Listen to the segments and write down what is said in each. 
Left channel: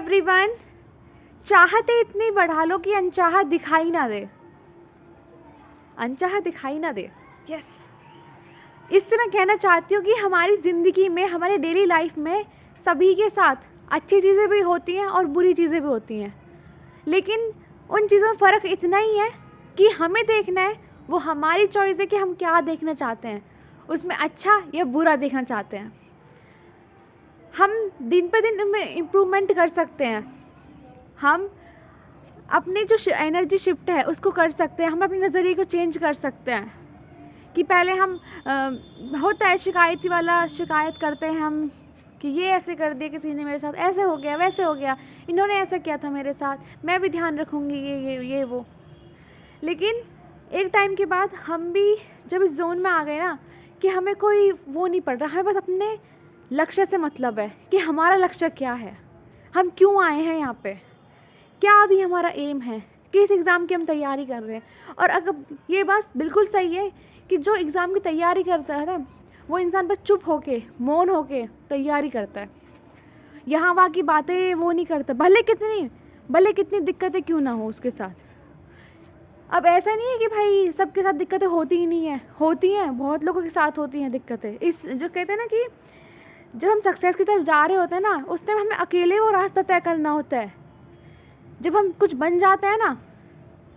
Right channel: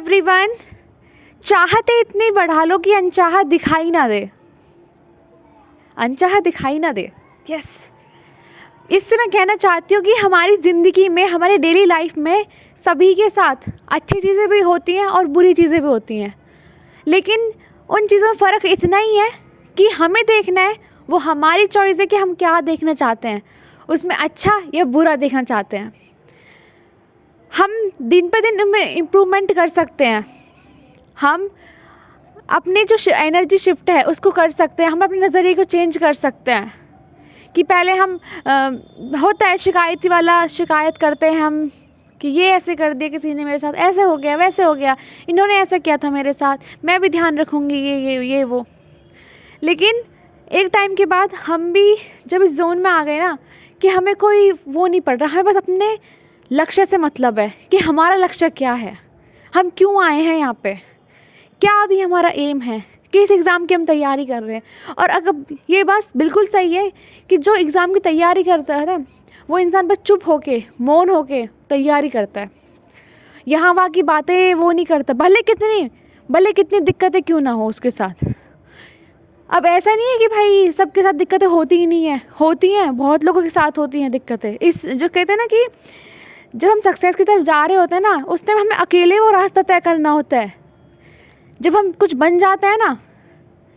Everyone, चाहते इतनी बढ़ा लो कि अनचाहा दिखाई ना दे, अनचाहा दिखाई ना दे। यस, इससे मैं कहना चाहती हूँ कि हमारी ज़िंदगी में, हमारी डेली लाइफ में सभी के साथ अच्छी चीज़ें भी होती हैं और बुरी चीज़ें भी होती हैं, लेकिन उन चीज़ों में फ़र्क इतना ही है कि हमें देखना है, वो हमारी चॉइस है कि हम क्या देखना चाहते हैं, उसमें अच्छा या बुरा देखना चाहते हैं। हम दिन पे दिन उनमें इम्प्रूवमेंट कर सकते हैं, हम अपने जो एनर्जी शिफ्ट है उसको कर सकते हैं, हम अपने नज़रिए को चेंज कर सकते हैं। कि पहले हम होता है शिकायती वाला, शिकायत करते हैं हम कि ये ऐसे कर दिया किसी ने मेरे साथ, ऐसे हो गया, वैसे हो गया, इन्होंने ऐसा किया था मेरे साथ, मैं भी ध्यान रखूँगी, ये वो। लेकिन एक टाइम के बाद हम भी जब इस जोन में आ गए ना कि हमें कोई वो नहीं पड़ रहा, हमें बस अपने लक्ष्य से मतलब है कि हमारा लक्ष्य क्या है, हम क्यों आए हैं यहाँ पे, क्या अभी हमारा एम है, किस एग्ज़ाम की हम तैयारी कर रहे हैं। और अगर ये बात बिल्कुल सही है कि जो एग्ज़ाम की तैयारी करता है ना, वो इंसान बस चुप होके, मौन होके तैयारी करता है, यहाँ वहाँ की बातें वो नहीं करता, भले कितनी दिक्कतें क्यों ना हो उसके साथ। अब ऐसा नहीं है कि भाई सबके साथ दिक्कतें होती ही नहीं है, होती हैं, बहुत लोगों के साथ होती हैं दिक्कतें। इस जो कहते हैं ना कि जब हम सक्सेस की तरफ जा रहे होते हैं ना, उस टाइम हमें अकेले वो रास्ता तय करना होता है। जब हम कुछ बन जाते हैं ना,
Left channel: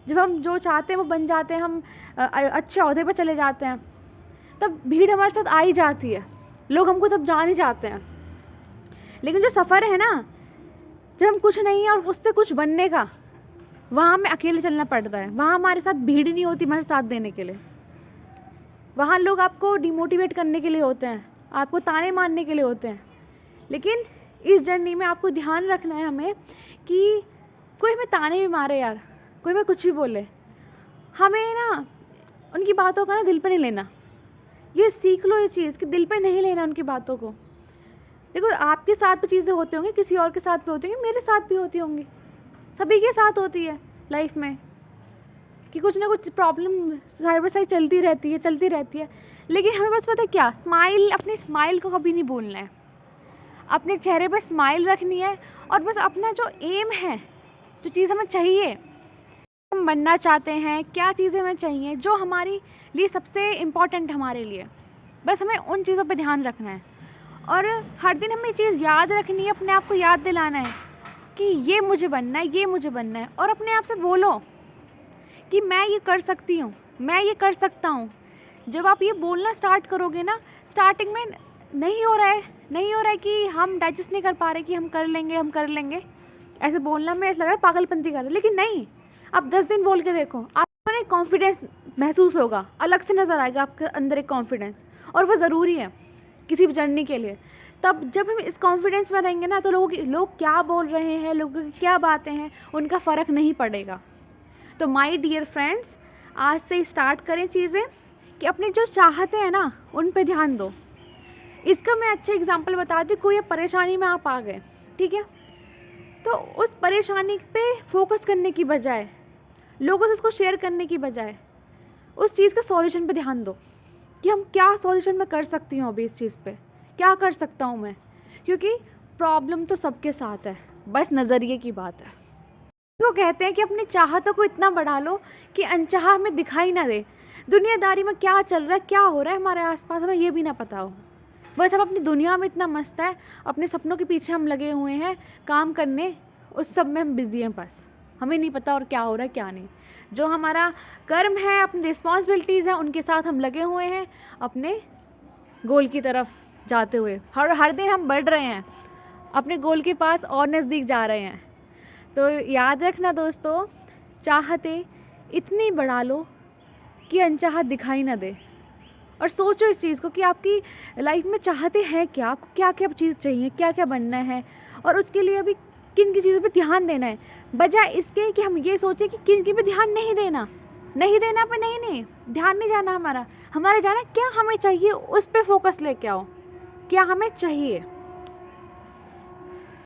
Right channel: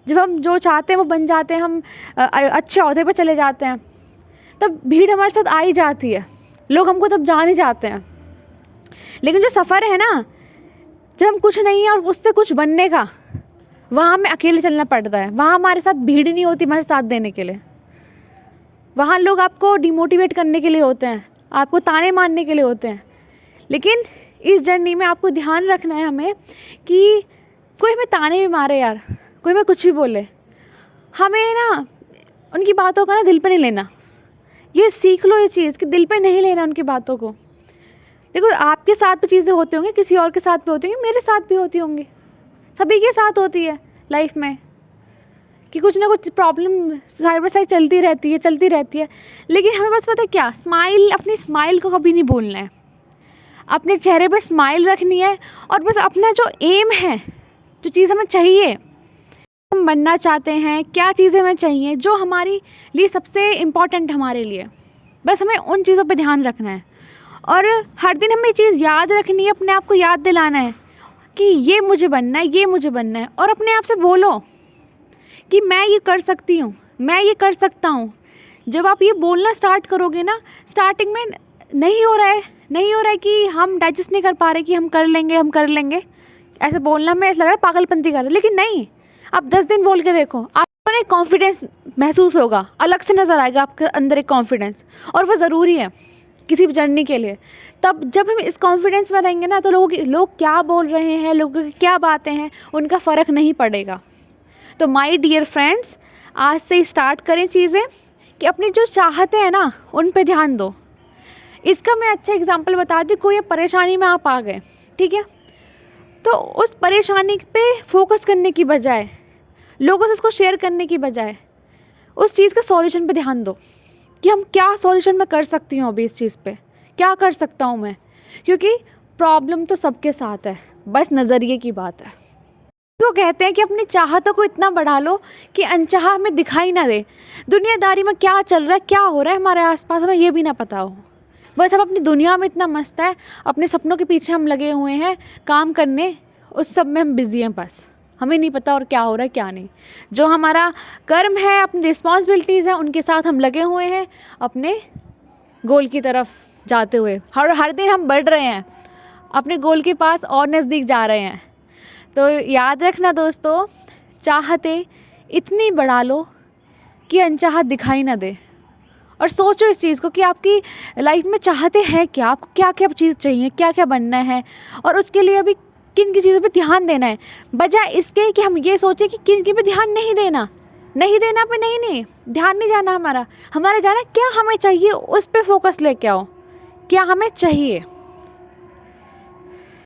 जब हम जो चाहते हैं वो बन जाते हैं, हम अच्छे ओहदे पर चले जाते हैं, तब भीड़ हमारे साथ आ ही जाती है, लोग हमको तब जान ही जाते हैं। लेकिन जो सफ़र है ना, जब हम कुछ नहीं है और उससे कुछ बनने का, वहाँ हमें अकेले चलना पड़ता है। वहाँ हमारे साथ भीड़ नहीं होती हमारे साथ देने के लिए, वहाँ लोग आपको डिमोटिवेट करने के लिए होते हैं, आपको ताने मारने के लिए होते हैं। लेकिन इस जर्नी में आपको ध्यान रखना है हमें कि कोई हमें ताने भी मारे यार, कोई हमें कुछ भी बोले, हमें ना उनकी बातों का ना दिल पे नहीं लेना। ये सीख लो ये चीज़ कि दिल पे नहीं लेना उनकी बातों को। देखो, आपके साथ भी चीज़ें होती होंगी, किसी और के साथ भी होती होंगी, मेरे साथ भी होती होंगी, सभी के साथ होती है लाइफ में कि कुछ ना कुछ प्रॉब्लम साइड बाय साइड चलती रहती है। लेकिन हमें बस पता है क्या, अपनी स्माइल को कभी नहीं भूलना है, अपने चेहरे पर स्माइल रखनी है, और बस अपना जो एम है, जो चीज़ हमें चाहिए, हम बनना चाहते हैं, क्या चीज़ें हमें चाहिए, जो हमारी लिए सबसे इम्पॉर्टेंट हमारे लिए, बस हमें उन चीज़ों पे ध्यान रखना है। और हर दिन हमें चीज़ याद रखनी है, अपने आप को याद दिलाना है कि ये मुझे बनना है, और अपने आप से बोलो कि मैं ये कर सकती हूँ, मैं ये कर सकता हूँ। जब आप ये बोलना स्टार्ट करोगे ना, स्टार्टिंग में नहीं हो रहा है कि हम डाइजेस्ट नहीं कर पा रहे कि हम कर लेंगे, ऐसे बोलना में ऐसा लग रहा है पागलपंती कर रहे, लेकिन नहीं, आप 10 दिन बोल के देखो, आपको एक कॉन्फिडेंस महसूस होगा, अलग से नज़र आएगा आपके अंदर एक कॉन्फिडेंस, और वो ज़रूरी है किसी भी जर्नी के लिए। तब जब हम इस कॉन्फिडेंस में रहेंगे ना, तो लोग क्या बोल रहे हैं, लोगों की क्या बातें हैं, उनका फ़र्क नहीं पड़ेगा। तो माय डियर फ्रेंड्स, आज से ही स्टार्ट करें चीज़ें कि अपनी जो चाहते हैं ना उन पे ध्यान दो। इसका मैं अच्छा एग्जांपल बता दी, कोई परेशानी में आप आ गए, ठीक है, तो उस परेशानी पे फोकस करने की बजाय, लोगों से उसको शेयर करने की बजाय, उस चीज़ के सॉल्यूशन पे ध्यान दो कि हम क्या सॉल्यूशन मैं कर सकती हूँ, अभी इस चीज़ पे क्या कर सकता हूँ मैं, क्योंकि प्रॉब्लम तो सबके साथ है, बस नज़रिए की बात है। तो कहते हैं कि अपनी चाहतों को इतना बढ़ा लो कि अनचाहा हमें दिखाई ना दे, दुनियादारी में क्या चल रहा है, क्या हो रहा है हमारे आसपास, हमें ये भी ना पता हो। बस हम अपनी दुनिया में इतना मस्त है, अपने सपनों के पीछे हम लगे हुए हैं काम करने, उस सब में हम बिज़ी हैं, बस हमें नहीं पता और क्या हो रहा है क्या नहीं। जो हमारा कर्म है, अपनी रिस्पॉन्सिबिलिटीज़ हैं, उनके साथ हम लगे हुए हैं, अपने गोल की तरफ जाते हुए हर दिन हम बढ़ रहे हैं, अपने गोल के पास और नज़दीक जा रहे हैं। तो याद रखना दोस्तों, चाहते इतनी बढ़ा लो कि अनचाहा दिखाई ना दे, और सोचो इस चीज़ को कि आपकी लाइफ में चाहते हैं क्या, आपको क्या क्या चीज़ चाहिए, क्या क्या बनना है, और उसके लिए अभी किन की चीज़ों पे ध्यान देना है, बजाय इसके कि हम ये सोचें कि किन की पे ध्यान नहीं देना पे नहीं ध्यान नहीं जाना हमारा जाना क्या हमें चाहिए, उस पर फोकस लेके आओ, क्या हमें चाहिए।